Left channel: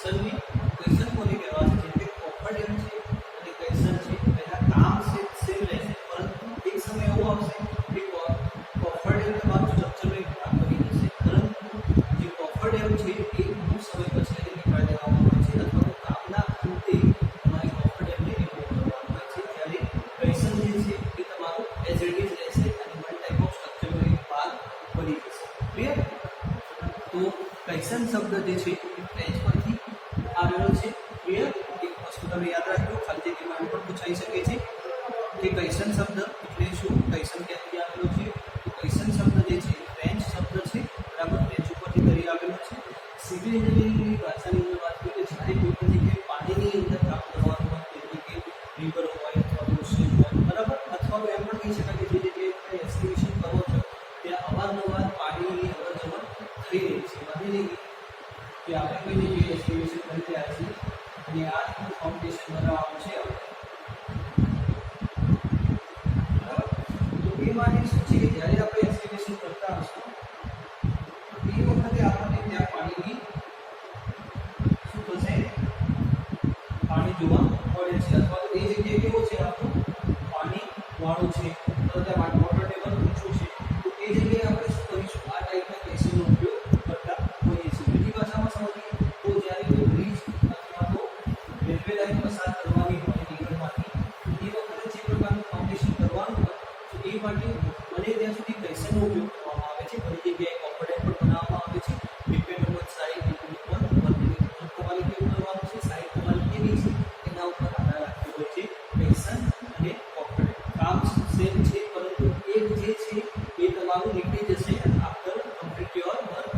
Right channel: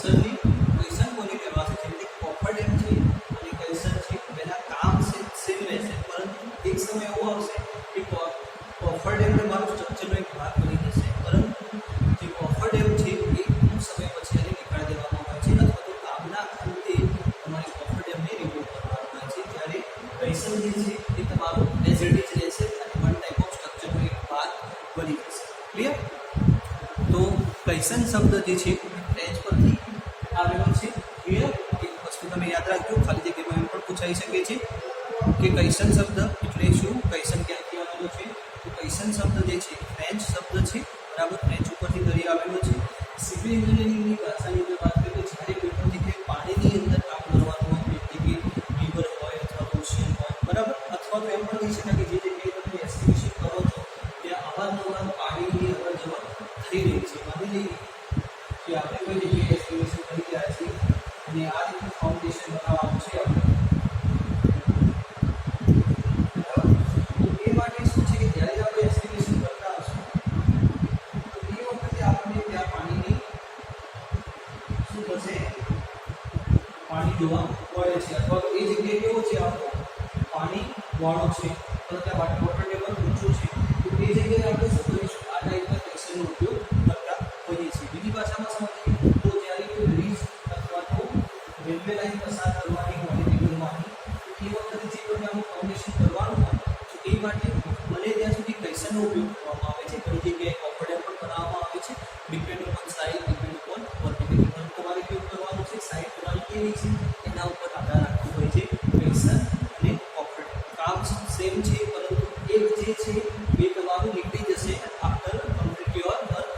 Question કોને કહેવાશે? જેમ કે કોફર ડેમ છે અને ક્વેશ્ચન છે, એના કામ સેમ રહેશે, પરંતુ એક સમય એવો આવશે કે કોફર ડેમ તમારું સ્ટ્રક્ચરનો એક ભાગ બની જશે, પરંતુ જે કોફર ડેમ છે એ અમુક સમય પછી એને નીકાળી દેવામાં આવે છે, અથવા તો કામના અંતે તમારી કોફર ડેમને રિમૂવ કરવામાં આવે છે. જ્યારે ક્વેશ્ચન જે છે એ તમારું એઝ ઇટ ઇઝ રહેશે અને વન ટાઈપ ઓફ સ્ટ્રક્ચરનો એક ભાગ બની જશે. ક્લિયર? તો ક્વેશ્ચન શબ્દ જે છે એ ફ્રેન્ચ પરથી આવેલો છે. ક્લિયર? એક વસ્તુ તમે યાદ રાખજો, ખાલી જગ્યામાં એમ પણ પૂછાઈ શકે છે કે ક્વેશ્ચન શબ્દ એટલે શું, ક્વેશ્ચન ક્યાંથી આવેલો છે? તો ક્વેશ્ચન શબ્દ જે છે ફ્રેન્ચ શબ્દ છે, બરાબર, ફ્રેન્ચ ઉપરથી કરી આવેલો છે. સિવિલ એન્જિનિયરિંગની ભાષાની અંદર વાત કરીએ તો જ્યારે કોઈ પણ જગ્યાએ પાણીની અંદર કામ કરવાનું હોય, એટલે કે રિવર હોય અથવા તો ઓશિયન હોય, બરાબર, અથવા તો એમ પણ કહી શકાય કે જે જગ્યાએ તમે એસ્ટિમેશન કરો છો ત્યાં અવારનવાર પાણીની અવર જવર થઈ રહી છે. માની લઈએ કે આપણે કોઈ જગ્યાએ એસ્ટિમેશન કરી રહ્યા છીએ અને આ રીતનું ફાઉન્ડેશન બનાવવાનું છે આપણે, બરાબર. તો એ માટે શું છે કે જ્યારે આપણે એસ્ટિમેશન કરતા હશું તો એ વખતે આપણને ત્યાં પાણીની શું થશે, પાણી જોવા મળે છે, અથવા તો એ જગ્યાએ કેવો છે આપણું પાણી વાળું છે, અથવા ત્યાં વોટર ટેબલ ઊંચું છે, તો એ જગ્યાએ આપણે શું કરીશું, આ ટાઈપના ક્વેશ્ચનનો ઉપયોગ કરતા હોઈએ છીએ. બીજી ભાષામાં સમજીએ તો જ્યારે કોઈ બ્રિજ અથવા તો રેલવે લાઇન પસાર કરવાની હોય રિવરમાંથી, તો એ વખતે જે પ્રકારનું ફાઉન્ડેશન કરવાનું હોય તો એ માટે બને ત્યાં સુધી ક્વેશ્ચનનો ઉપયોગ કરવામાં આવે છે. ઘણી જગ્યાએ કોફર ડેમ પણ બનાવવામાં આવે છે. Depend on size, depend on vertical તમારે કેવું કરવાનું છે, સાઇઝ તમારી કેવી છે એના ઉપર આધાર રાખતું હોય છે ક્વેશ્ચન અને કોફર ડેમ. કામ સેમ છે, પરંતુ એક જે છે એ તમારું નીકળી જશે after complete your work,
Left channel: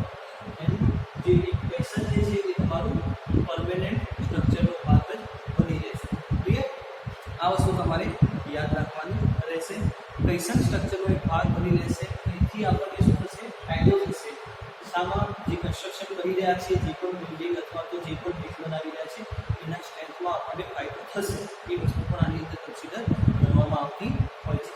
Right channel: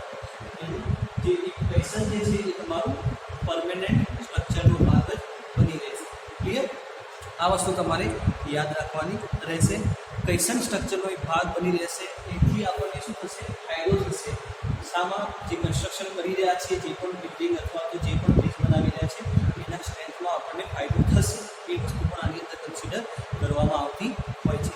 and જે એક ક્વેશ્ચન જે છે એ તમારું પરમેનન્ટ સ્ટ્રક્ચરનો ભાગ જ બની રહેશે. ક્લિયર? આ વસ્તુ તમારે યાદ રાખવાની રહેશે. ક્વેશ્ચન સ્ટ્રક્ચરનો એક ભાગ બની રહેશે. એથી આપણને શું થશે, ફાયદો થશે. શામાં? જે કન્સ્ટ્રક્શન કરી રહ્યા છે, જે પણ બિલ્ડિંગ અથવા તો જે પણ બ્રિજ બનાવી રહ્યા છે એના સ્ટ્રેન્થમાં આપણને ફાયદો થશે. એ વસ્તુ પણ આની અંદર કન્સિડર કરવામાં આવતી હોય છે.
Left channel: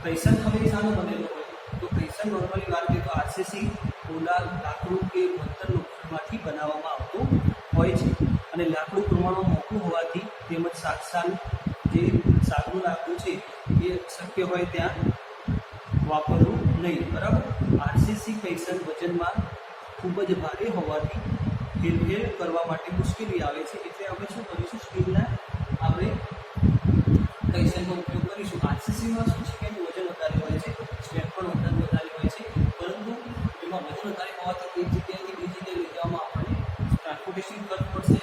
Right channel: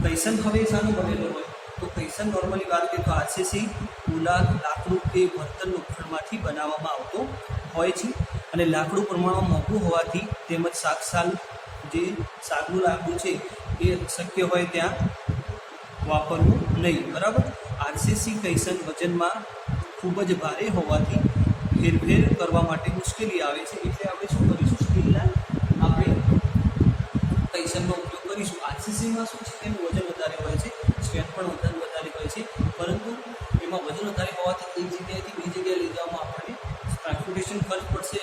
ક્વેશ્ચન હવે શાનો બનેલો હોય તો ક્વેશ્ચન નોર્મલી વાત કરીએ તો આરસીસી, પોલાદ, લાકડું કે વર્તન લોખંડમાંથી બનાવવામાં આવતો હોય છે, અને લાકડું પ્રમાણમાં મોંઘું હોવાથી તેમજ જે સાગનું લાકડું છે એ શક્ય હોય ત્યાં વાપરવું નહીં, બરાબર. આરસીસી ક્વેશ્ચન વજનમાં ખૂબ જ ભારે હોવાથી હેરફેર કરવા માટે મુશ્કેલી આવે છે, એટલે આપણે શું કરીશું, સ્ટીલના આપણે ક્વેશ્ચનનો ઉપયોગ કરીશું. આરસીસીમાં શું છે, એનું વજન વધારે હોય છે, સ્ટ્રેન્થ પણ વધારે હોય છે, પરંતુ એમાં વજન વધારે હોવાથી એક જગ્યાએથી બીજી જગ્યાએ લઈ જવામાં આપણને ટ્રાન્સપોર્ટેશન ખર્ચ પડશે,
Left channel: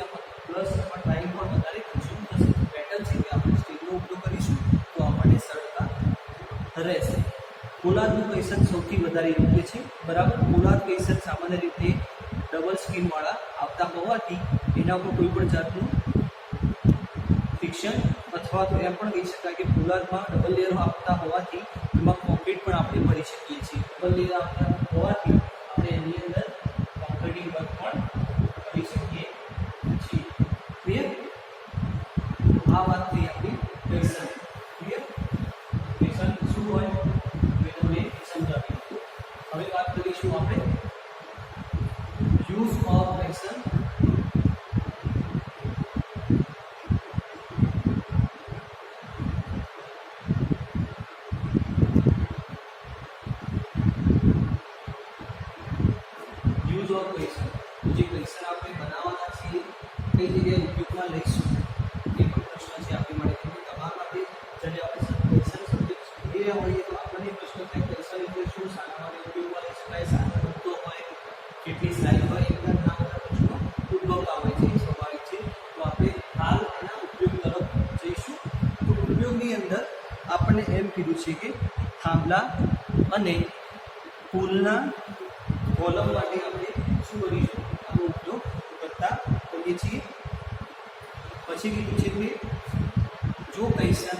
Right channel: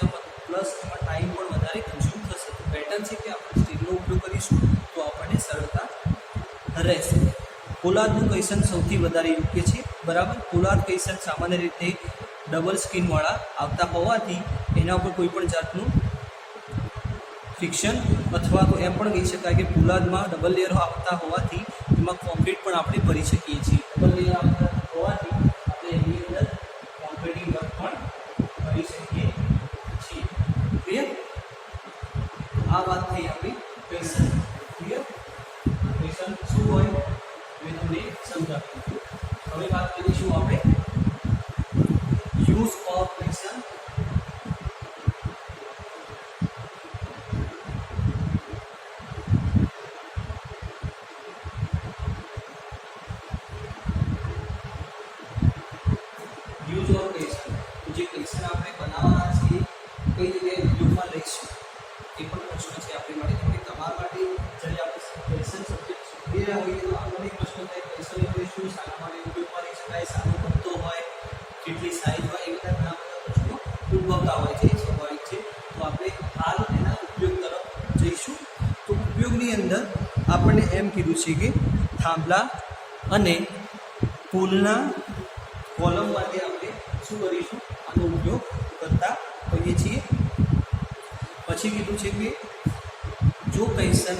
પ્લસ એમાં ટાઈમ પણ વધારે કન્ઝ્યુમ થશે. પેટર્ન છે કે આપણે સ્ટીલનો ઉપયોગ કરીશું તો આપણને સરળતા રહેશે. પોલાદનું ક્વેશ્ચન સૌથી વધારે યોગ્ય છે, બરાબર. પોલાદ ક્વેશ્ચન સામાન્ય રીતે ડબલ સ્કીનવાળા આવતા હોવાથી એના ઉપર કોઈ પણ જાતનું ફિક્શન અથવા તો એમ પણ કહી શકાય કે પોલાદમાં ડબલ લેયર આવતા હોવાથી એમાં કોન્ક્રીટ પણ આપણે ભરી શકીએ છીએ. ડબલ લેયર આવતા હોવાથી આપણે એની અંદર કોન્ક્રીટિંગ વર્ક પણ કરી શકીએ છીએ. ક્લિયર? આ વાત થઈ આપણી ક્વેશ્ચન. ક્લિયર? ક્વેશ્ચન શું હોય મેં તમને સમજાવ્યું. હવે વાત કરીશું આપણે use of question. Use of question, જે ક્વેશ્ચન આપણે બનાવવાના છીએ કઈ જગ્યાએ ઉપયોગમાં લઈશું એ પણ પ્રશ્ન છે આપણી માટે. કેમ કે તમારા માટે જ્યારે આપણે ક્વેશ્ચન સબ્જેક્ટ શોધી રહ્યા હોઈએ તો આપણને પ્રશ્ન થાય ક્વેશ્ચન એટલે શું, શાના માટે ઉપયોગમાં લઈ શકાય, શાનો બનતો હોય, કેટલી સાઈઝ હોય, એ બધા ઘણા બધા પ્રશ્નો ઉદ્ભવતા હોય છે, એ સ્વાભાવિક છે. તો આપણે હાલ એના ઉપયોગ તરફ જઈશું. તો ઉપયોગની અંદર આપણને એમ કીધું છે કે થાંભલા અને પુલના કોલમ માટે આપણે શું કરીશું, આનો ઉપયોગ કરતા હોઈએ છીએ. પછી કીધું છે કે જો ક્વેશ્ચન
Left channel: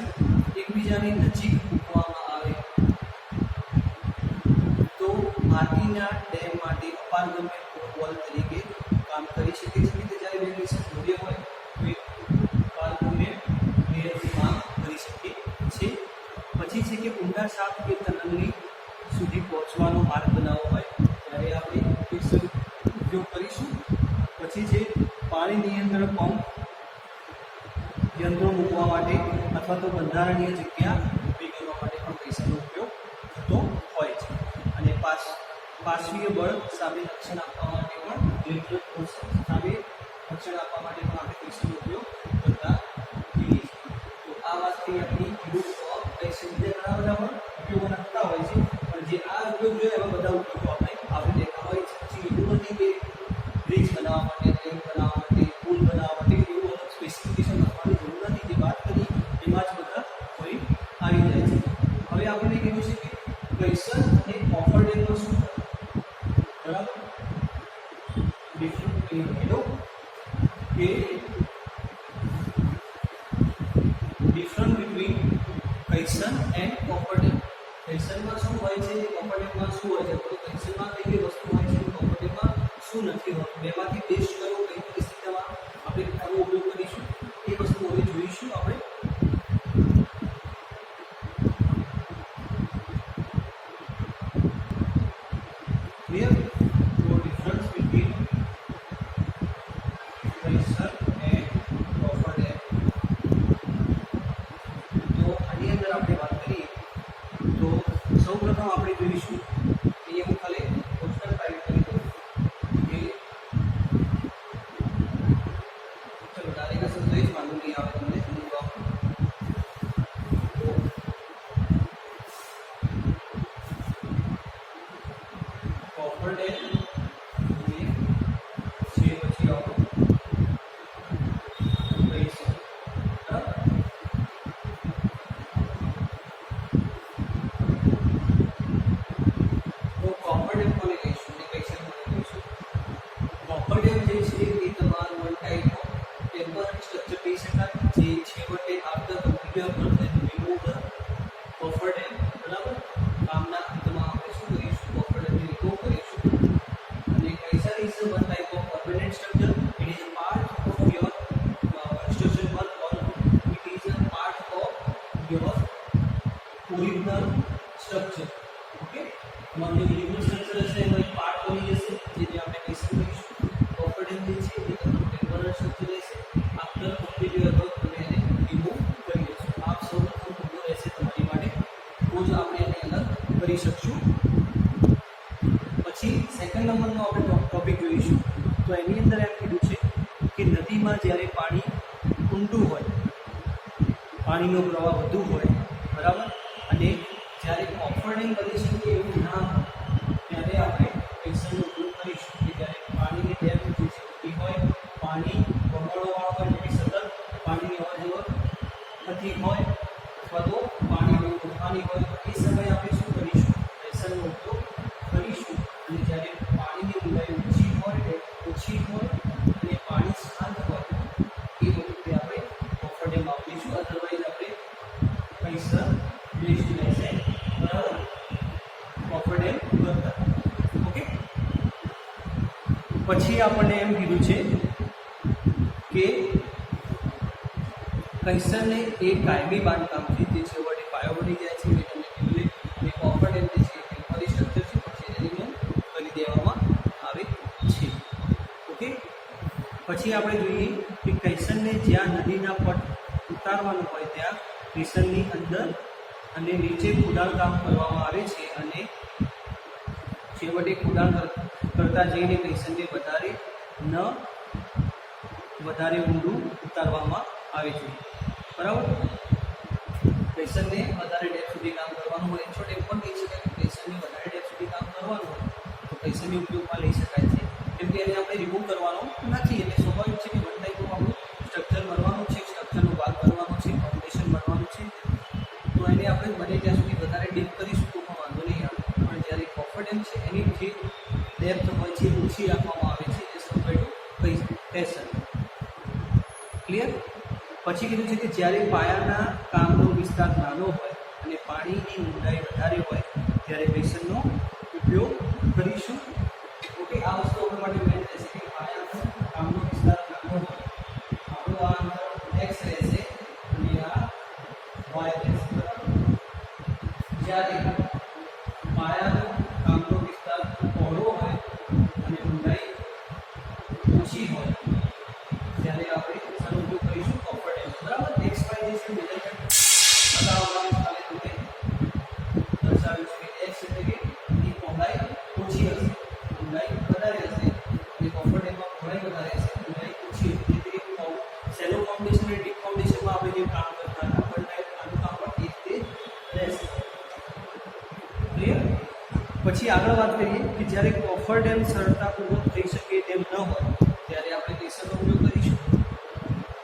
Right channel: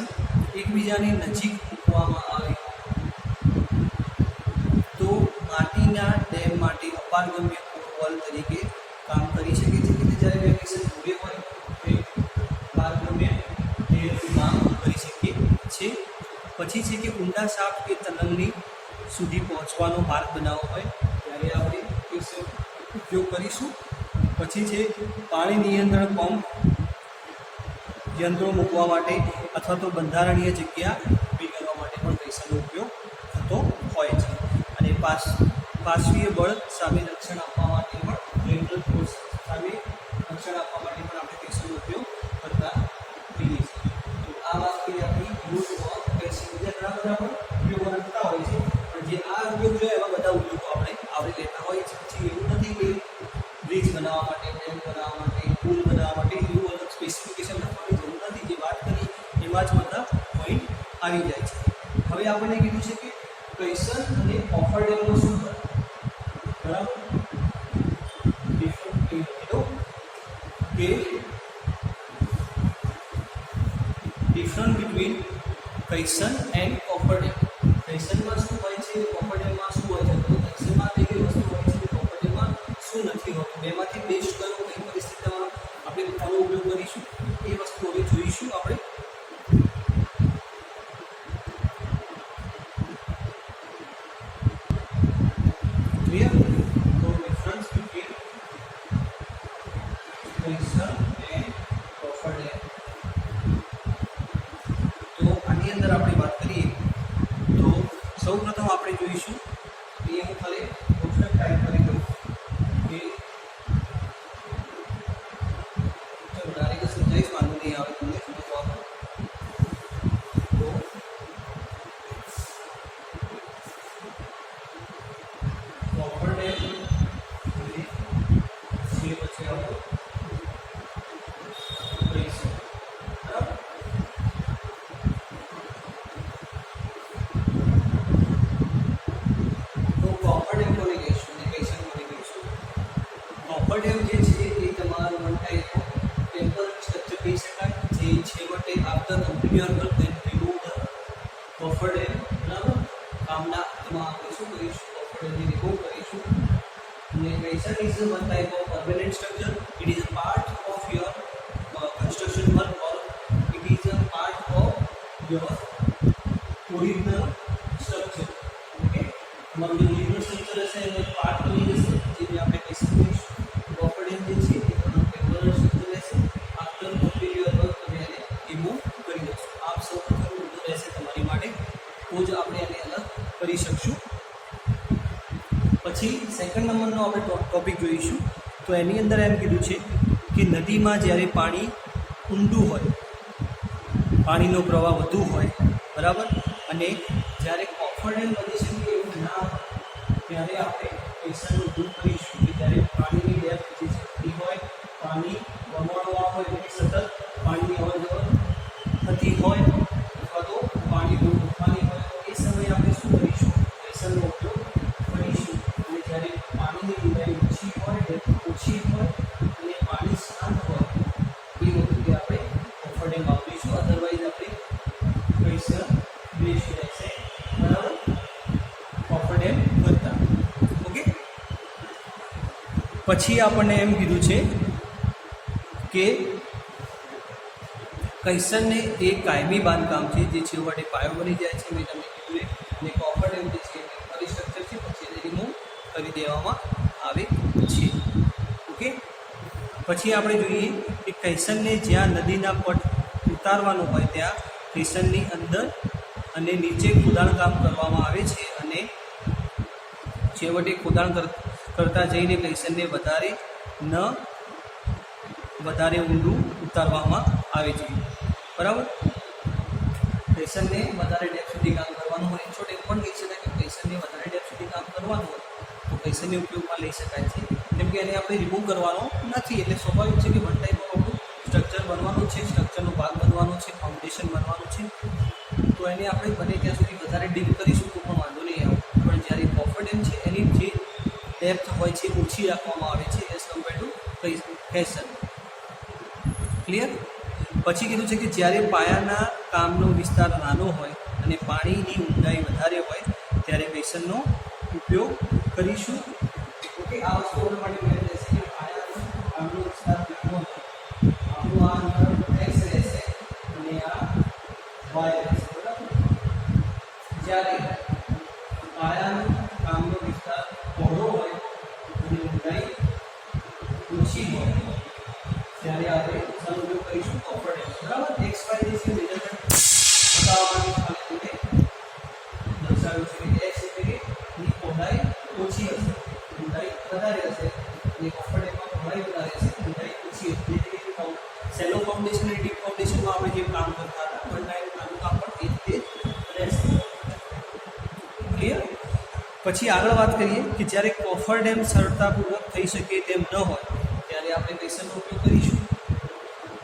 એકબીજાની નજીક મૂકવામાં આવે તો માટીના ડેમ માટે અપારગમ્ય વોલ તરીકે કામ કરી શકે છે. કે જ્યારે બે ક્વેશ્ચન જોડે હોય તો એક અપારગમ્ય લેયરથી કામ કરી શકે છે. પછી છે કે ઊંડા શાફ્ટ કે ટનલની સુધી પહોંચવાનો માર્ગ બનાવવો હોય ત્યારે આપણે ક્વેશ્ચન ઉપયોગ કરીશું. પછી પછી છે પાણી નિયંત્રણ પંપ, યંત્રો મૂકવા માટે અથવા તો બંધારણીય જગ્યા ઊભી કરવા માટે પણ પ્રેશરનો ઉપયોગ થતો હોય છે. અને પાર્શ્વીય બળ સામે રક્ષણ આપવા માટે પણ લેટરલ ફોર્સ સામે રક્ષણ આપવા માટે પણ આપણે પ્રેશરનો ઉપયોગ કરતા હોઈએ છીએ. તો આ વાત થઈ આપણી યુઝ ઓફ પ્રેશર. બીજા ઘણા બધા પણ ઉપયોગો થતા હોય છે, પણ જે આ ઉપયોગ છે એવા બધા ઉપયોગો આપણે આવરી લેતા હોય છે. પછી એવું નથી કે બ્રિજ બનાવવા માટે, ડેમ બનાવવા માટે, પુલ બનાવવા માટે એવું અલગ સ્પેસિફિકેશન આપવાની જરૂર નથી. જે વાત કરી એમાં જ બધા પોઈન્ટ આવી જાય છે. હવે આપણે કીધું છે કે કૈસર અને કોફર ડેમનો શું ફરક, બરાબર? ડિફરન્ટ કીધો કે different between caisson and coffer dam. કૈસરમાં શું હોય છે, કોફર ડેમમાં શું હોય છે? તો કૈસરમાં કઈ કઈ વસ્તુ હોય છે, કોફર ડેમમાં શું નથી હોતું? બેમાંથી બેસ્ટ કરો, કઈ પરિસ્થિતિમાં આપણે આનો ઉપયોગ કરીશું એ વસ્તુ હવે જોઈશું આપણે. ક્લિયર? તો difference between caisson and coffer dam. તો આની અંદર આપણે વાત કરીએ તો સૌપ્રથમ આપણે જોઈશું એ હું ખાલી કોષ્ટક ટાઈપ કરી દઉં કે ચલો ડાયરેક્ટ સમજાવીશ, વાંધો નહીં આવે તમને સમજવા. તો કોફર ડેમ અને જે પછી આવો કૈસર, બરાબર? તો કોફર ડેમ કોને કહીશું અને કૈસર કોને કહીશું? કોફર ડેમ જે છે એ તમારું one type of temporary structure કહી શકાય, જે છેવટે after complete your work remove the coffer dam, બરાબર? કામના અંતમાં આપણે શું કરીશું? કોફર ડેમને રિમૂવ કરીશું. અને caisson is one type of permanent structure. It is a part of your construction work or it is a part of your original structure. Okay, તમારું જે ઓરિજિનલ સ્ટ્રક્ચર હશે એનો એક પાર્ટ બની જશે, જેને આપણે કૈસર કહીશું. કોફર ડેમ જે છે એ તમારું ટેમ્પરરી સ્ટ્રક્ચર રહેશે. આફ્ટર કમ્પ્લીટ યોર વર્ક તમે એને રિમૂવ કરી દેશો. આપ સૌપ્રથમ મુદ્દો રહેશે તમારી માટે, તો જ આપણે એને અલગ કરી શકશું. પછી સેકન્ડ નંબરનો આપણે ટોપિક જોઈશું. તો એની અંદર એમ કીધું છે કે નદીમાં જ્યારે પાણી ઊંડું હોય, પાણીનો પ્રવાહ વધુ હોય, બરાબર, અને જ્યારે કોફર ડેમ બની શકે એવું ના હોય ત્યારે આપણે કૈસરનો ઉપયોગ કરીશું. કે જ્યારે પાણીની ડેપ્થ જે છે એ હોય, પાણી વમળવાળું હોય એટલે સતત પાણીની અવર જવર થતી હોય, અથવા તો પાણી બહુ તોફાની હોય, એ સમયે આપણે શું કરીશું? કૈસરનો ઉપયોગ કરીશું. અને જ્યારે પાણીની ઊંડાઈ ઓછી હોય, ડેપ્થ ઓછી હોય અને પાણી શાંત હોય એ વખતે આપણે કોફર ડેમ વાપરીશું. અધરવાઇઝ આપણે કૈસર બેસ્ટ રહેશે, બરાબર, કોફર ડેમ કરતા. ઓકે, પછી આપણને એમ કીધું છે કે કૈસરને એક કાયમી બાંધકામ છે જે છેવટે પાયો બની જાય છે. મેં તમને કીધું અને કોફર ડેમ જે છે ટેમ્પરરી સ્ટ્રક્ચર છે, પછી એને રિમૂવ કરી દેવામાં આવે છે. ઓકે, પછી આપણે જોઈએ કે કૈસરને જ્યાં નદીના પટ ઉતારવાનો હોય ત્યાં કૈસરની અંદર અને નીચે ખોદાણ કામ કરવામાં આવે છે, અને છેવટે ખોદાણ કરતા જઈને કૈસરને વધારે ઊંડું ઉતારવામાં આવે છે, બરાબર? કૈસરને વધારે ડેપ્થ સુધી કામ કરવાનું હોય. છોટ એમ પણ કહી શકાય કે કૈસરને વધારે ડેપ્થ સુધી કામ કરવાનું હોય તો કૈસરને ઉપયોગમાં લઈ શકાય છે, કેમ કે એને આપણે રિમૂવ કરવાનો નથી. એટલે સ્વાભાવિક છે કે વન ટાઈપ ઓફ આપણું સ્ટ્રક્ચર બનવાનું છે, સ્ટ્રક્ચરનો ભાગ બનવાનો છે, ફાઉન્ડેશન બનવાનું છે. તો એને આપણે બને ત્યાં સુધી વધારે ડીપ કરીશું તો પણ વાંધો નહીં આવે. પણ જ્યારે કોફર ડેમ છે એની જે ડેપ્થ હોય છે ઓછી રાખવામાં આવે છે એઝ કમ્પેર ટુ કૈસર. ક્લિયર? પછી કીધું છે કે જ્યારે પાયાના કામનો વિસ્તાર નાનો હોય અને પાણીની ઊંડાઈ વધારે હોય ત્યારે કૈસરનો ઉપયોગ કરીશું. ઓકે, આ વસ્તુ આપણા માટે મેન રહેશે કે પાયાનો કામનો વિસ્તાર નાનો હોય, આપણું આ અંતર x રહેશે અને આ y રહેશે, બરાબર? જ્યારે પાયાનો કામનો વિસ્તાર પહોળો હોય અને ઊંડાઈ ઓછી હોય ત્યારે આપણે શાનો ઉપયોગ કરીશું? Coffer dam. બરાબર. એક્સ વાય જે છે મેજરમેન્ટ બતાવવા માટે ખાલી તમને દર્શાવ્યું છે કે એક્સ એટલે કે ની પહોળાઈ ઓછી હશે, ઊંડાઈ વધારે હશે, અને કોફર ડેમમાં પહોળાઈ વધારે હશે, ઊંડાઈ ઓછી હશે. એટલે કે સેલો ફાઉન્ડેશન અને ડીપ ફાઉન્ડેશનમાં આપણે જે કામ કરતા હતા વન ટાઈપ આનું કામ પણ એ રીતે રહેશે. ક્લિયર? પછી આગળ વાત કરીએ કે જ્યારે કોફર ડેમ સરળતાપૂર્વક થઈ શકે તેમ ન હોય ત્યારે આપણે પ્રેશરનો ઉપયોગ કરીશું.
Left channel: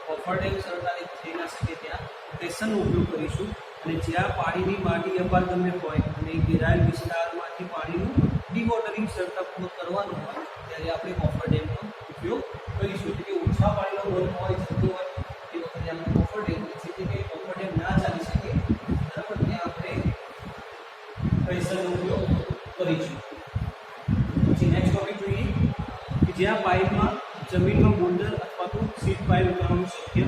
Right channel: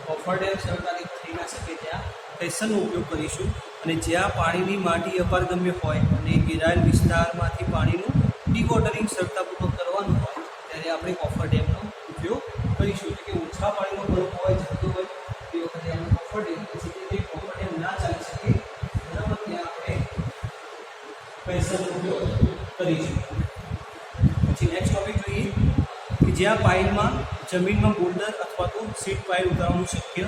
કોફર ડેમ સરળતાથી થઈ ના શકે ત્યાં પ્રેશરનો ઉપયોગ કરીશું. અને જ્યાં પાણીની માટી અપારગમ્ય હોય અને ઘેરાયેલ વિસ્તારમાંથી પાણીનું ડીવોટરિંગ સરળતાપૂર્વક કરવાનું હોય ત્યારે આપણે કોફર ડેમનો ઉપયોગ કરીશું. એટલે કે ઓછા પાણીનો બલ્ક હોય, જતો હોય તે વખતે આપણે કોફર ડેમ એટલે કે કોફર ડેમ ના ચાલી શકે બરાબર ત્યાં આપણે પ્રેશરનો ઉપયોગ કરીશું. પછી નેક્સ્ટ ટોપિક જોઈએ કે જ્યાં પાઇલમાં જમીનમાં બોલ્ડર અથવા તો સીટ પાઇલ ઉતારવાનું શક્ય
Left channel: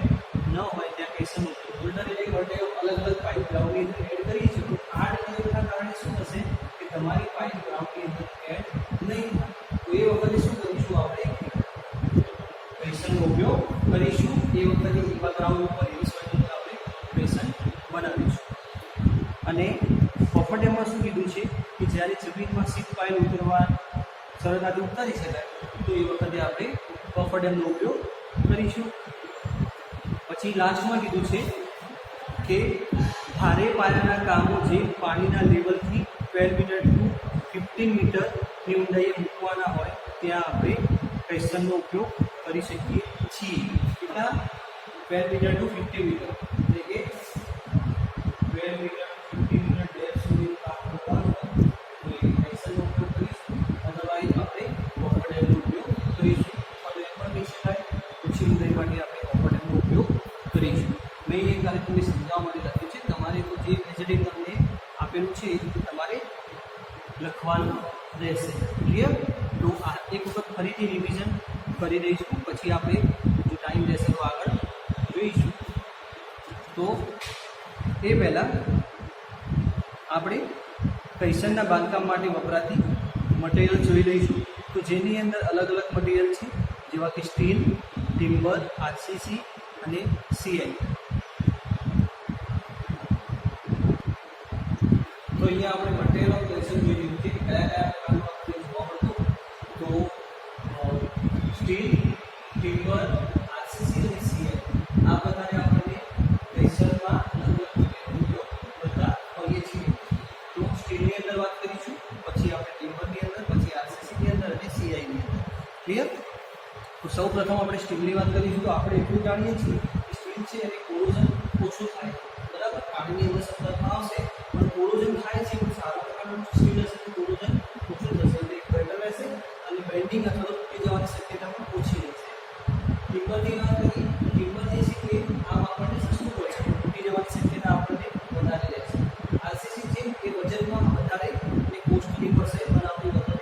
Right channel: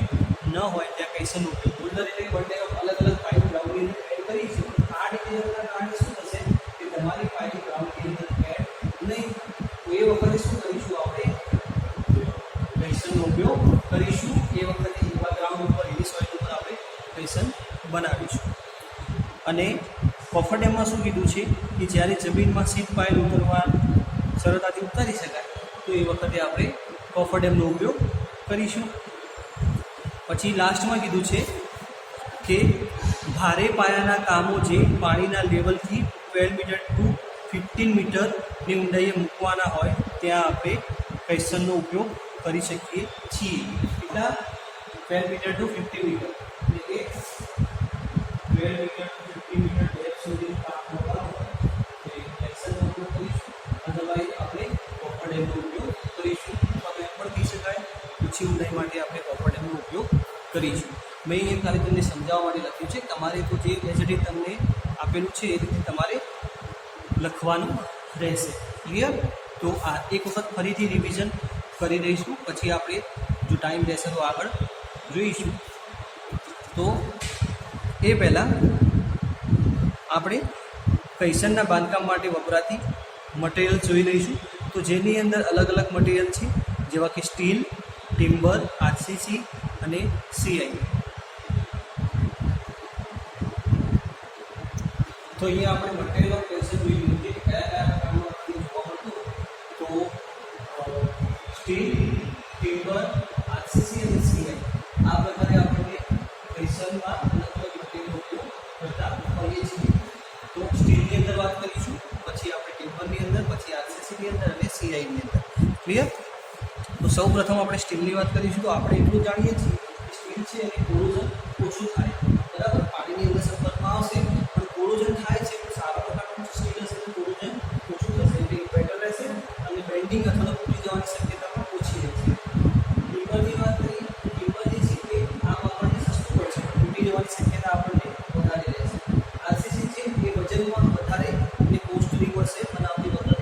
ન હોય ત્યાં પ્રેશરનો ઉપયોગ. બોલ્ડર એટલે કે બંને અલગ અલગ પાઇપ ગ્રાઉન્ડની અંદર એડ કરી છે, પણ આ ડિટેલના કારણે શું થશે કે તમારી પાઇપ ગ્રાઉન્ડની અંદર એડ નહીં થાય. તો એ વખતે શું કરીશું? આપણે પ્રેશરનો ઉપયોગ કરીશું. એ વખતે એવા ગ્રાઉન્ડ ઉપર એવી સોઇલ ઉપર આપણે પ્રેશર બનાવીશું. અને કોફર ડેમમાં શું કીધું છે કે જ્યારે જમીનમાં સીટ પાઇલ ઉતરવા સરળતાથી ઉતારી શકાય તો એ વખતે આપણે કોફર ડેમનો ઉપયોગ કરીશું. પછી લાસ્ટમાં કીધું છે કે ભારે પાયાના કામો જે પાણીના લેવલથી 12 મીટર ટુ 15 મીટરની ઊંડાઈએ મૂકવાના હોય ત્યાં આપણે પ્રેશરનો ઉપયોગ કરી શકીએ છીએ. કેટલા? 12 મીટર ટુ 15 મીટર એટલે કે 12 મીટર ટુ 15 મીટર ડેપ્થ સુધી કામ કરવાનું હોય તો એ પ્રેશરનો ઉપયોગ કરીશું. અદરવાઇઝ આપણે કોફર ડેમનો ઉપયોગ કરીશું. અથવા તો એમ પણ કહી શકાય ઓછી ઊંડાઈ માટે આપણે કોફર ડેમનો ઉપયોગ કરીશું. મેં અહીંયા ખાલી તમને સમજાવવા માટે લખ્યું છે. તમારે તો જે એઝ તમને આપેલું છે એ રીતે તમારે લખવાનું રહેશે. ક્લિયર? તો આ એક વખત ફરીથી રિવિઝન કરી દઈશું. પછી આપણે જો ટાઈમ રહેશે તો આગળ જોઈશું. તો એ પહેલાં આપણે કૈસનના બાંધકામ માટે વપરાતી મટીરિયલ જોઈ લઈશું. તો જેની અંદર અલગ અલગ મટીરિયલ છે જેવા કે સ્ટીલ, ટિમ્બર, આરસીસી અને સીઆઈ. તો અહીંયા આપણે મટીરિયલ ઓફ કૈસન જોઈ લીધું છે કે કયા કયા પ્રકારનું આપણે જોવા મળતું. તો સ્ટીલ, ટિમ્બર, આરસીસી અને સીઆઈ આ પ્રકારે આપણને કૈસનમાં અલગ અલગ મટીરિયલનો ઉપયોગ કરતા હોઈએ છીએ. તો સ્ટીલની અંદર વાત કરીશું, પછી આપણે ટિમ્બરની અંદર, પછી આરસીસીની અંદર અને સીઆઈની અંદર. ક્લિયર? તો સૌ પ્રથમ આપણે સ્ટીલની વાત કરીશું. તો આપણે એટલું જાણીએ છીએ કે સ્ટીલ છે એની કોરોઝન ઓછું થાય. બરાબર? પાણીની અંદર સંપર્કમાં આવશે પણ કોરોઝન થાય છે. પણ સારા પ્રકારનું સ્ટીલ હશે તો કોરોઝન ઓછું થશે એટલે બેટર રહેશે અને બેન્ડિંગ અથવા તો તૂટી જવાની શક્યતા પણ ઓછી રહેશે. ટિમ્બરની વાત કરીએ તો ટિમ્બર જે છે કે આમ આપણને સસ્તું પડશે પણ તૂટી જવાની શક્યતા આપણને વધારે રહેશે. આરસીસી છે એ વજનમાં વધારે અને કોસ્ટલી પડશે બનાવતી વખતે.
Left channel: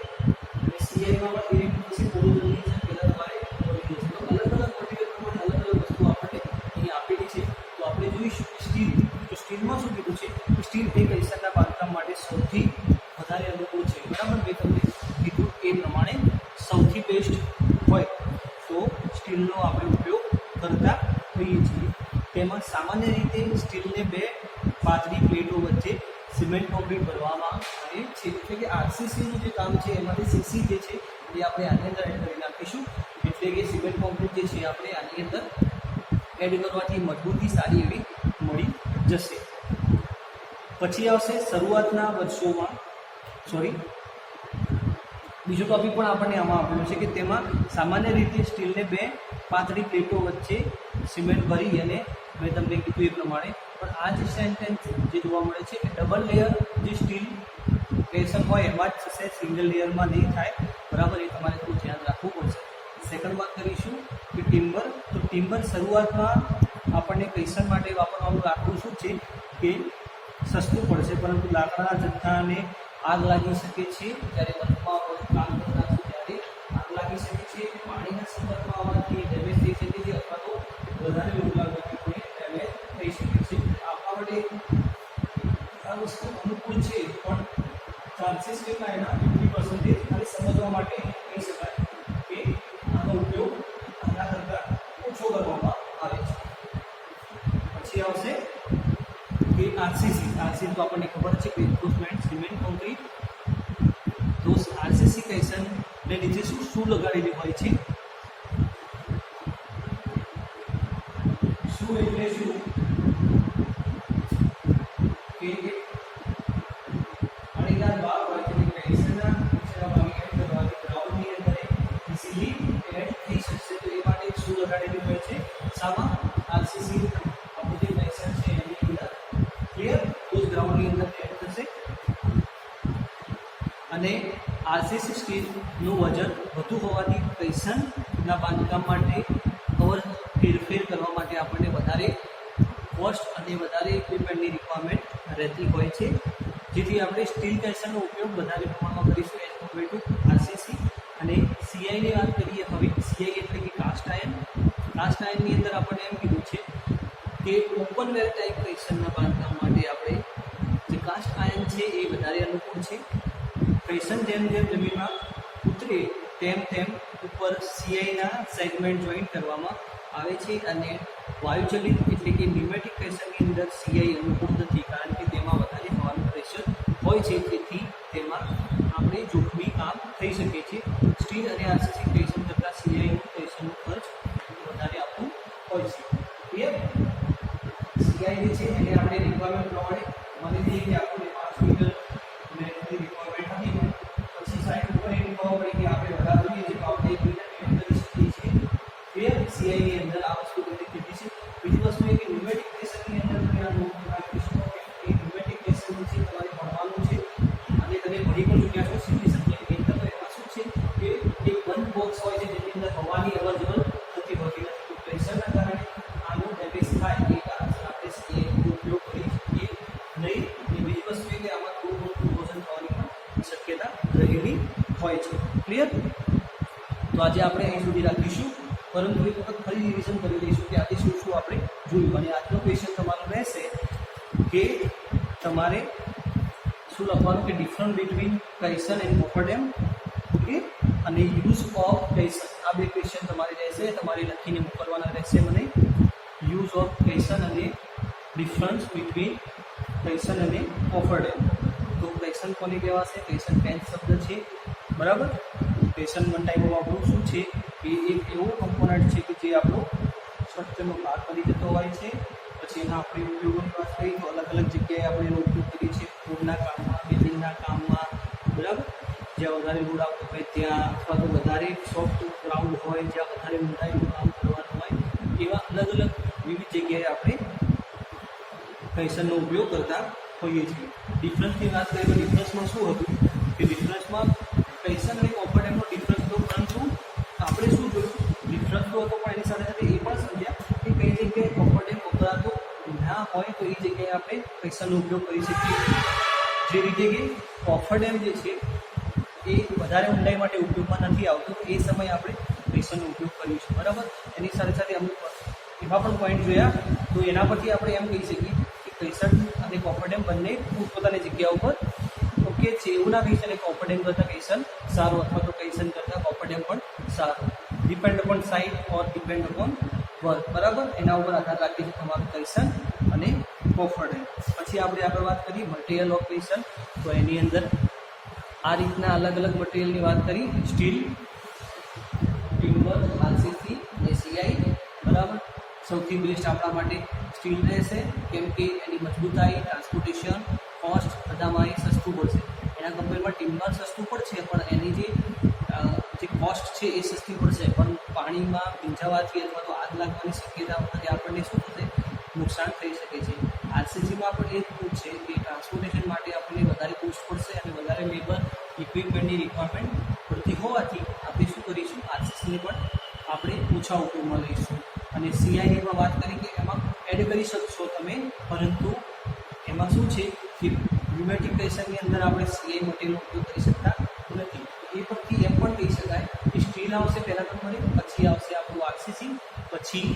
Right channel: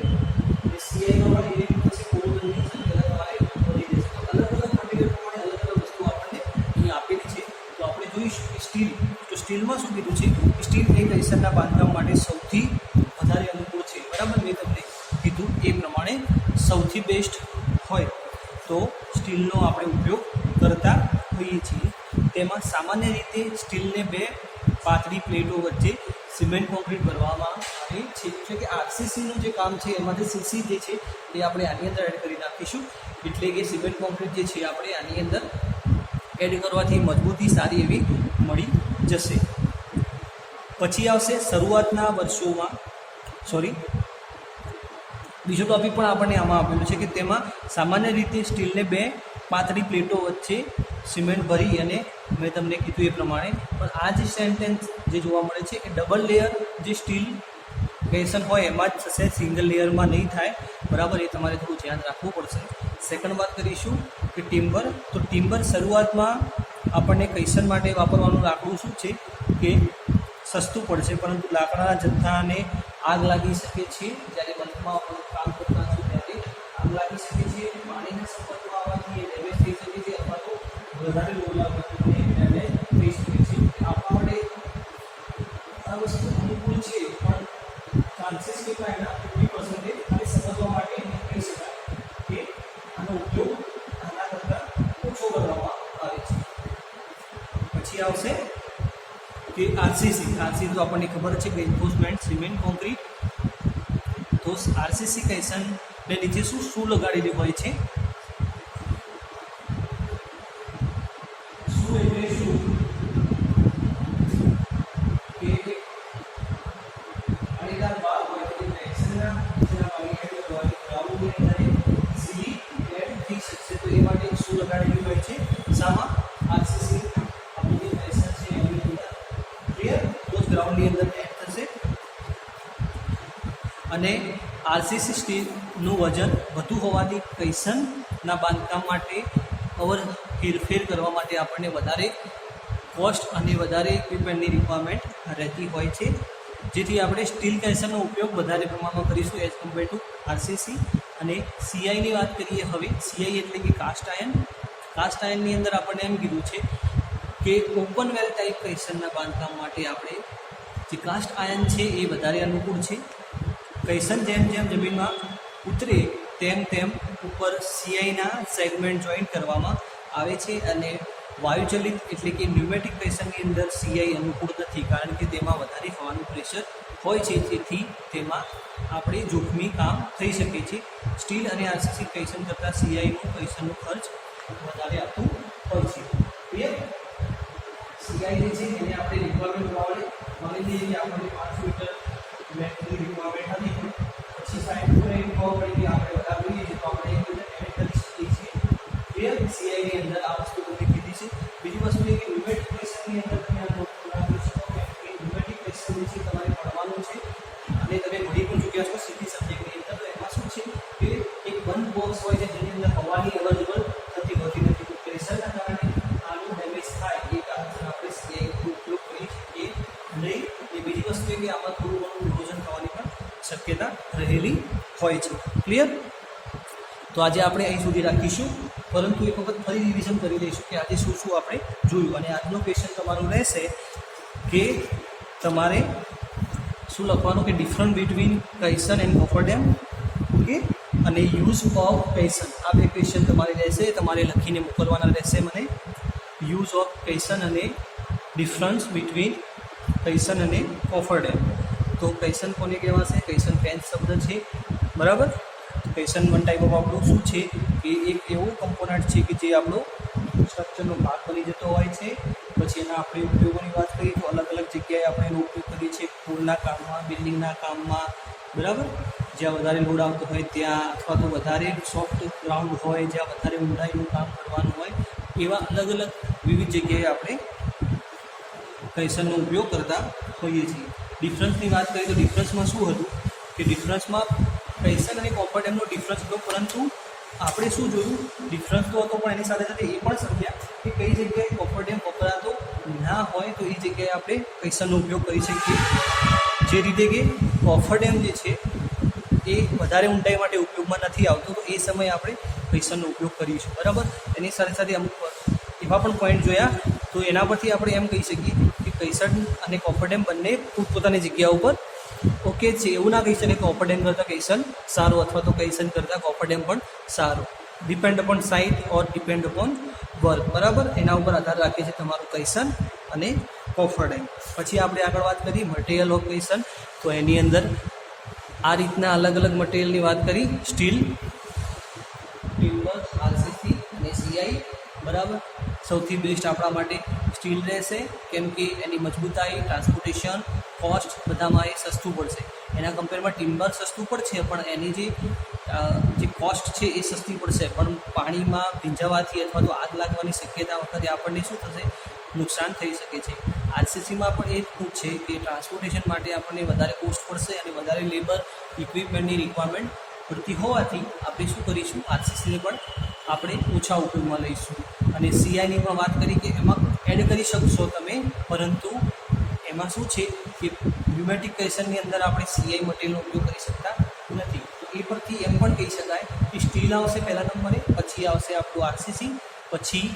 અને સીઆઈમાં પણ એવી પછી કોરોઝનની શક્યતા તમારે વધી જશે. તો અલગ અલગ મટીરિયલ પ્રમાણે અલગ અલગ વસ્તુ આપણને અહીં આપેલી છે. તો આપણે જોઈશું કે સ્ટીલ. તો સ્ટીલમાં શું કીધું છે કે સ્ટીલ એ કૈસરના બાંધકામ માટે સૌથી વધારે અનુકૂળ છે. બરાબર? મેં તમને કીધું એ પ્રમાણે સૌથી બેસ્ટ હોય તો સ્ટીલનો આપણે ઉપયોગ કરતા હોઈએ છીએ. તેમાં સામાન્ય રીતે સ્ટીલને બે પાતળી પ્લેટો વચ્ચે સિમેન્ટ કોન્ક્રીટ કરવામાં આવે છે. એટલે કે આરસીસીનું જે કામ છે એમાંથી સીસી જે છે એ આપણે આની અંદર એડ કરી નાખીશું. એટલે કે સિમેન્ટ કોન્ક્રીટ જે છે આપણે આની અંદર એડ કરવાથી મજબૂતી સારી એવી મળી જશે. પછી આવશે શરૂઆતના વર્ષોમાં બીજો ટોપિક પણ આપણને આમાં આપેલું છે કે તેમાં સામાન્ય રીતે સ્ટીલને બે પાતળી પ્લેટો વચ્ચે સિમેન્ટ ભરી અને મેં તમને કીધું એ પ્રમાણે. પણ આ જે સેન્ટેન્સ જે જોવા મળે છે એ ડબલ લેયર જે સ્ટીલ કેસન હોય એમાં જ થશે, સિંગલ લેયરમાં નહીં થાય. બરાબર? એ તમારે થોડું ધ્યાન રાખવું પડશે. સેકન્ડ વાત કરીશું કે ટિમ્બર. તો ટિમ્બર શરૂઆતમાં આપણને કૈસન માટે વાપરવાનું લાકડું શું છે કે સસ્તું પડશે પરંતુ લાકડાના જથ્થાને આગ લાગી શકે છે. જ્યારે બલ્કમાં કામ કરતા હશે ત્યારે આગ લાગી શકે છે. પાણીના સંપર્કમાં આવવાથી એ ડેમેજ થઈ શકે છે અથવા તો વધારે લોડ લાગવાથી ડેમેજ થઈ શકે છે. આપણા માટે આ વસ્તુ અનુકૂળ છે પણ ચાન્સીસ કેટલા એના 50% ખાલી સમજવા માટે કહી શકાય કે આનો ઉપયોગ પછી આવશે કે આરસીસી તો આપણને ખબર છે કે રિન્ફોર્સમેન્ટ સિમેન્ટ કોન્ક્રીટ. તો આરસીસી કહેશનને નીચે શું લગાડેલી હોય છે? શું એટલે શું કે આડીદાર બાર હોય તો કહેશનના નીચેના ભાગની અંદર ગ્રાઉન્ડની અંદર ઇઝીલી એડ થઈ શકશે. તો એ માટે શું લગાડેલી હોય છે? શામાં? આરસીસી આપણું જે કહેશન છે એની અંદર. ક્લિયર? તો જ ગ્રાઉન્ડની અંદર એડ થશે. અને આરસીસી સ્ટીલનું વજન વધુ હોવાથી કહેશનના બાંધકામ માટે હેરફેર કરવા માટે આપણને વધારે કોસ્ટ અને વધારે ઇક્વિપમેન્ટની રિક્વાયરમેન્ટ રહેતી હોય છે, જેથી આપણે સ્ટીલ કહેશનનો ઉપયોગ વધારે પ્રમાણમાં કરીશું એઝ કમ્પેર ટુ આરસીસી. અને સીઆઈની વાત કરીએ હવે. સીઆઈ એટલે કે કાસ્ટ આયર્ન. કાસ્ટ આયર્નની અંદર આપણને એમ કીધું છે કે ઓપનવેર ટાઈપ કહેશનના બાંધકામ માટે આપણે જે કાસ્ટ આયર્ન છે એ વધારે અનુકૂળ છે. કહેશન જેમ જેમ જમીનમાં ઉતરે તેમ ઉપર સીઆઈના સેગમેન્ટ જોઈન્ટ કરવામાં આવે છે. અને વાયુચલિત એટલે કે ન્યુમેટિક કહેશનની અંદર સીઆઈ અનુકૂળ નથી, કારણ કે તેમાં વધારે હવાનું પ્રેશર હોય છે, જેથી તેમાં આપણે જોખમી કામ થઈ શકે છે. સ્ટીલ અને આરસીસી કહેશન કરતાં સીઆઈનું કહેશનનો ખર્ચ વધારે આપતું હોય છે. ક્લિયર? સીઆઈ જે છે એને આપણે રિક્વાયરમેન્ટ પ્રમાણે માની લઈએ કે આપણને 5 મીટર મેટરની રિક્વાયરમેન્ટ હતી હોય, પછી સાઈડ ઉપર એમ ખબર પડી કે આપણે વધારે જોઈએ છે તો આપણે એક રીતે પેમેન્ટ કરી શકીએ છીએ. ક્લિયર? સીઆઈની અંદર આ વસ્તુ તમને કીધી છે. બીજી વસ્તુ એ કે ન્યુમેટિક કહેશનની અંદર તમે આ નોટ રાખી શકો કે ન્યુમેટિક કહેશન વિશે તમારે ભણવાનું છે અને તમે ભણી પણ ચૂક્યા છો સીધી સબ્જેક્ટની અંદર. તો એમાં શું છે કે એક બંધ બોક્સ હોય છે જેની અંદર હવાની અવરજવર થતી હોતી નથી. તો પ્રેશરના કારણે આનો ડેમેજ થાય એ કારણસર આપણે સીઆઈનો ઉપયોગ કરી શકીએ નહીં. અને બીજી વસ્તુ એ કે આમાં થોડું ઘણું ઇરોઝન થવાની પણ શક્યતા રહેલી હોય છે. ક્લિયર? તો આજે આપણે અહીં સુધી રાખીશું, પરંતુ એક વખત ફરી રિવિઝન કરી લઈશું કે આજે શું શું આપણે જોયું. અને આજનો ક્વેશ્ચન તમારો રહેશે કે તમારે શું લખવાનું કે different between caisson and coffer dam, okay, અને યુઝ ઓફ કહેશન. આ બે ક્વેશ્ચન તમારે રહેશે, તમારે લખીને મોકલવાના રહેશે મને. યુઝ ઓફ કહેશન અને ડિફરન્સ બિટવીન કહેશન અને કોફર ડેમ. તો કહેશન કોને કહેવાશે? કહેશન ફેન્સ શબ્દ છે, બરાબર. કહેશન વન ટાઈપ ઓફ આપણું શું છે કે એક એવો કમ્પોનન્ટ છે કે જે આપણો સ્ટ્રક્ચરનો ભાગ બની જતો હોય છે. પછી એના આપણે ઉપયોગોની વાત કરીએ તો અલગ અલગ જગ્યાએ આપણે એનો ઉપયોગ કરીએ છીએ. ફૂડના કામમાં, બિલ્ડિંગના કામમાં, બરાબર. જ્યાં વધારે લોડ આવતો હોય ત્યાં, અથવા તો વધારે સોફ્ટ ગ્રાઉન્ડ હોય જ્યાં વધારે ઊંડાઈનું કામ કરવાનું હોય, એવા અલગ અલગ વિવિધ જગ્યાએ આપણે કહેશનનો ઉપયોગ કરતા હોઈએ છીએ. ડિફરન્સની વાત કરીએ તો ડિફરન્સમાં શું હતું કે ડિફરન્સમાં કહેશન અને કોફર ડેમનો ડિફરન્સ હતો, પરંતુ આપણે શું જોયું? ડિફરન્સ તો હતો પણ એની સાથે સાથે એ પણ સમજ્યા કે કઈ જગ્યાએ કોફર ડેમ વપરાતો ના હોય તો એ જગ્યાએ આપણે કહેશનનો ઉપયોગ કરી શકીએ. જે રીતે કે કોફર ડેમ જે છે એ વધારે ઊંડાઈ માટે ઉપયોગમાં નથી આવતો, તો એ સમયે આપણે કહેશનનો ઉપયોગ કરીશું, બરાબર. એની સાથે સાથે અમુક એવા પણ પોઈન્ટ જોયા, તો એના પરથી આપણે એમ કહી શકીએ કે કહેશન અને કોફર ડેમ બંને પોતપોતાની જગ્યા ઉપર ઓકે છે. એવું ના કહી શકે કોફર ડેમ કરતાં કહેશન સારું અથવા તો કહેશન કરતાં કોફર ડેમ પણ સારું. ડિપેન્ડ અપોન સાઇટ ઓર ડિપેન્ડ અપોન વર્ક, બરાબર. એના ઉપર આધાર રાખે છે તમારું કહેશન અને કોફર ડેમ. પછી આપણે આગળ વાત કરીએ મટીરિયલ ઓફ કહેશન. તો એની અંદર આ રીતના અલગ અલગ મટીરિયલની વાત કરી. સ્ટીલ, ટિમ્બર, આરસીસી અને સીઆઈ, બરાબર. સૌથી બેસ્ટ આપણા માટે સ્ટીલ રહેશે, કેમ કે એની મજબૂતાઈ, ટ્રાન્સપોર્ટેશન, કોસ્ટ બધામાં એ સસ્તું પડશે. એના કમ્પેરમાં ટિમ્બર સસ્તું પડશે, પણ એની જે કોસ્ટ છે એ સસ્તી પડશે, પણ પાણીમાં ભીંજાવાથી અથવા તો આગ લાગવાની શક્યતા વખતે આપણને શું થશે? નુકસાન થઈ શકે છે. આરસીસીમાં પણ એ જ છે કે ટ્રાન્સપોર્ટેશન માટે આપણને વધારે કોસ્ટ પડશે અને વધારે લેબર ઇક્વિપમેન્ટની રિક્વાયરમેન્ટ પડતી હોવાથી આપણે શું કરીશું? આરસીસીને પણ આપણે ઓછા ઉપયોગમાં લઈશું. અને સીઆઈની પણ વાત કરી કે એમાં એડ કરી શકશો તમે, પરંતુ એમાં શું છે કે ન્યુમેટિક કહેશનની અંદર આપણે સીઆઈ મટીરિયલનો ઉપયોગ કરી શકતા નથી. એ પરથી એમ પણ કહી શકાય કે સ્ટીલ આવશે પહેલા નંબરે, પછી આવશે આપણું આરસીસી, પછી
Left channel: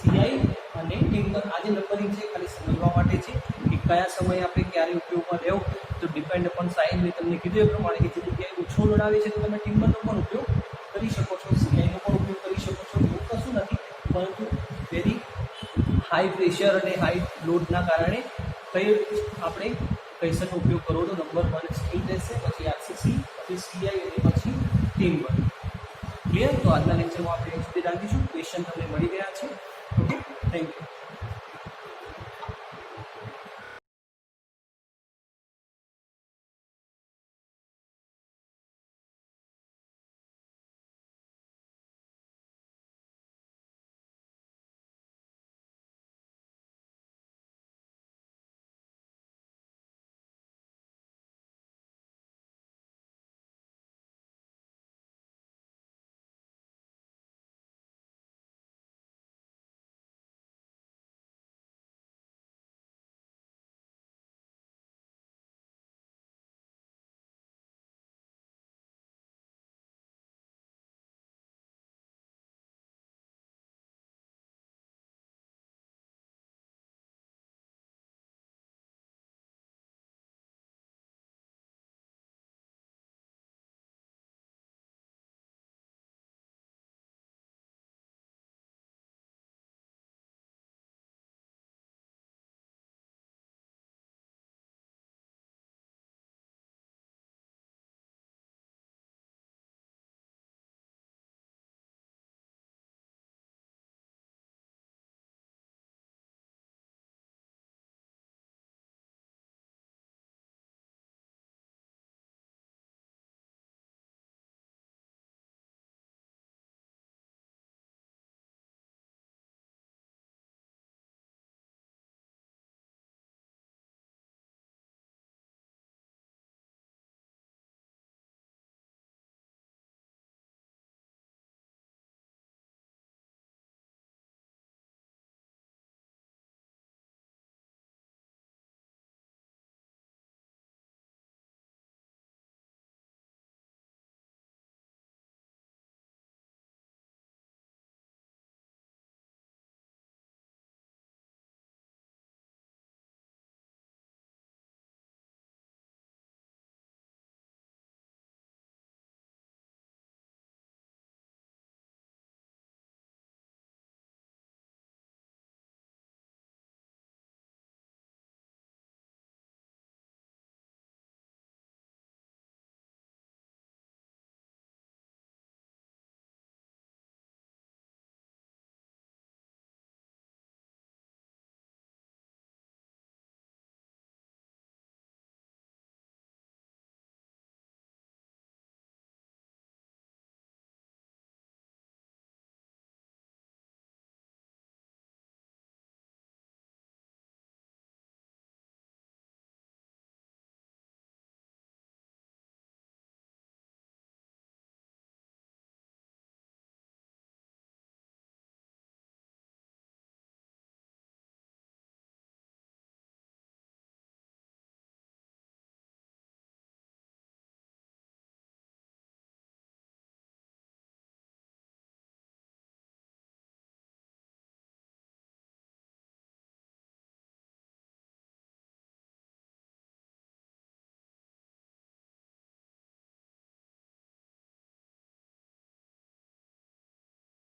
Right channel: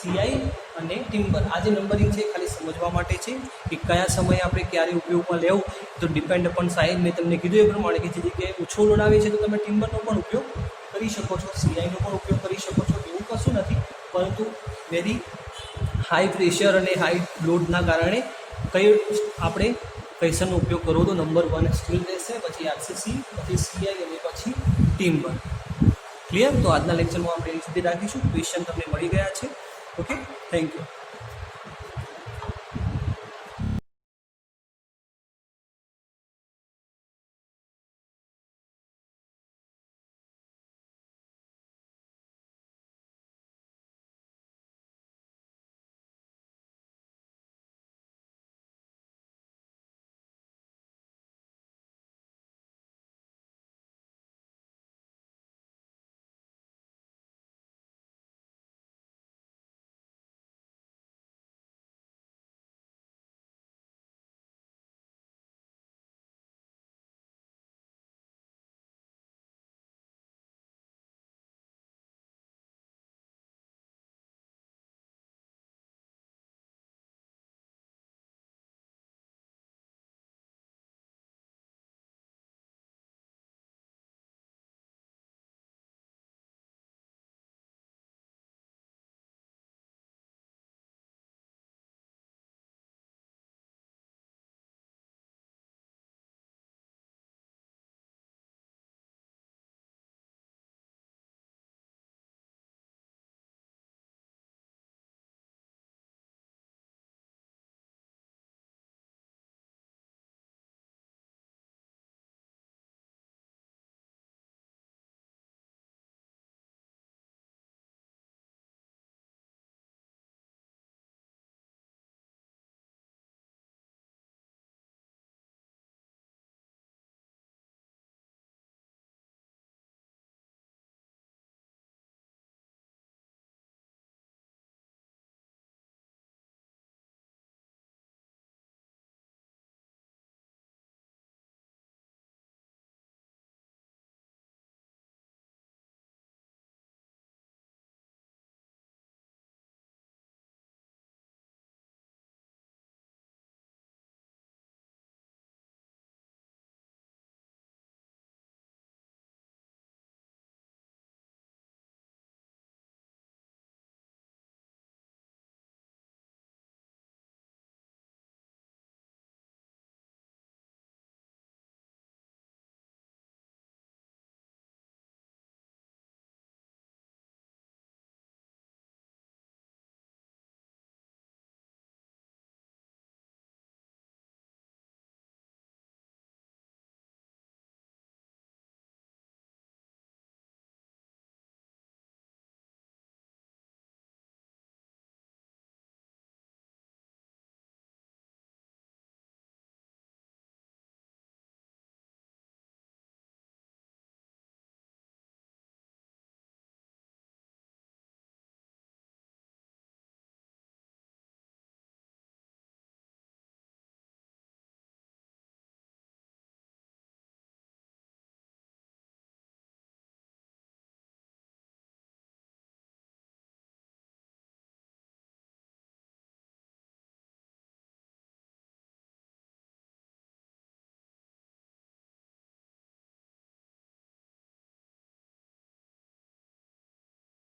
સીઆઈ અને ટિમ્બર. આ જે નંબરિંગ છે ખાલી સમજવા માટે છે કે કયા સમયે આપણે ક્યારે ઉપયોગમાં લેવું. તો ડિપેન્ડ અપોન સાઇઝ મેં તમને કીધું એ પ્રમાણે કે જે જગ્યાએ ઓછો લોડ આવે છે તો તમે ટિમ્બરનો પણ ઉપયોગ કરી શકો છો, સીઆઈનો પણ ઉપયોગ કરી શકો છો, એવું કશું નથી. પરંતુ વેરી હાઈ પ્રેશર અને હાઈ લોડના કારણે કઈ આપણે ક્વેશ્ચનનો ઉપયોગ કરવો તો નંબર 1 સ્ટીલ રહેશે, પછી આરસીસી, પછી સીઆઈ અને પછી ટીમ વર્ક. ક્લિયર? તો આજના લેક્ચરમાં આપણે એ સુધી રાખીશું. ક્વેશ્ચન તમને મળી ગયા છે. Okay, thank you.